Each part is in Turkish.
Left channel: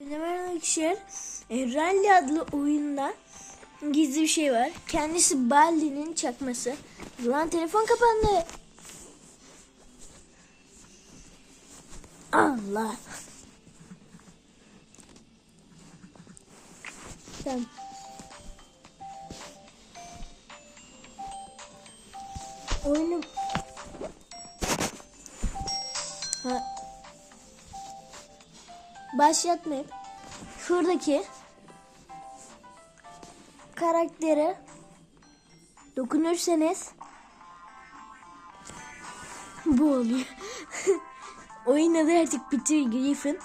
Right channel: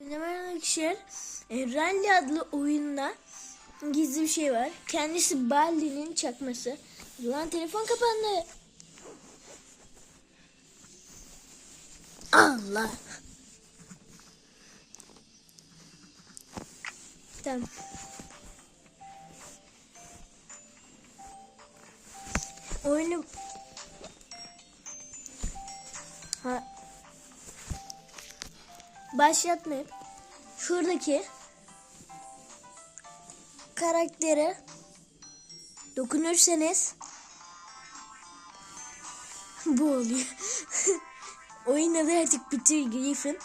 Merhaba arkadaşlar. E, Rally adlı oyunda gizli bir şey var. Kendisi Baldi'nin çakması. Lan telefon kapandı. Allah. Tamam. Oyunu ha başlatmayıp şuradaki karaktere dokunursanız bu oluyor. Oyun adı artık Peter Griffin.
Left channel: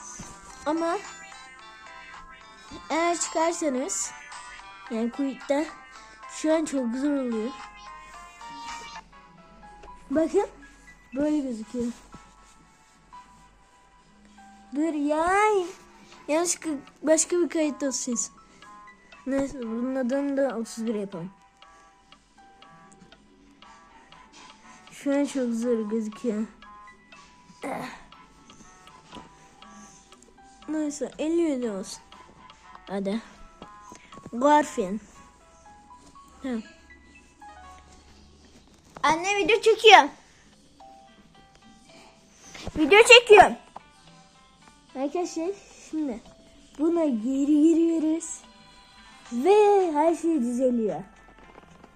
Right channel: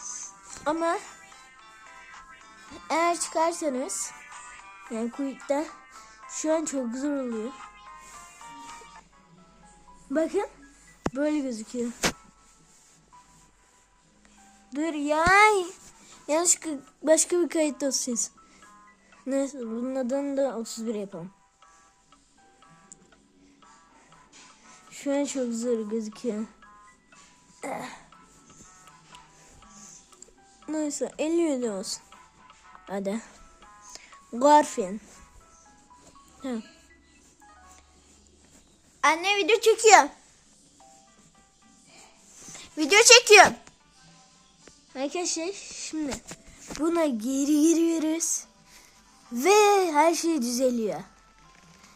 Ama eğer çıkarsanız yani Quit'te şu an çok zor oluyor. Bakın böyle gözüküyor. Dur ya. Yanlışlıkla başka bir kayıt olacağız. Neyse bunun adını da 31 yapalım. Şu an çok zor gözüküyor. Neyse 57 olsun. Hadi. Tamam. Anne video çekiyor. Video çekiyorum. Arkadaşlar şimdi buna geri giriyoruz. Ve her şey düzeliyor.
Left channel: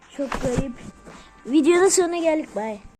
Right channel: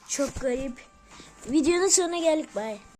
Çok garip. Videonun sonuna geldik. Bye.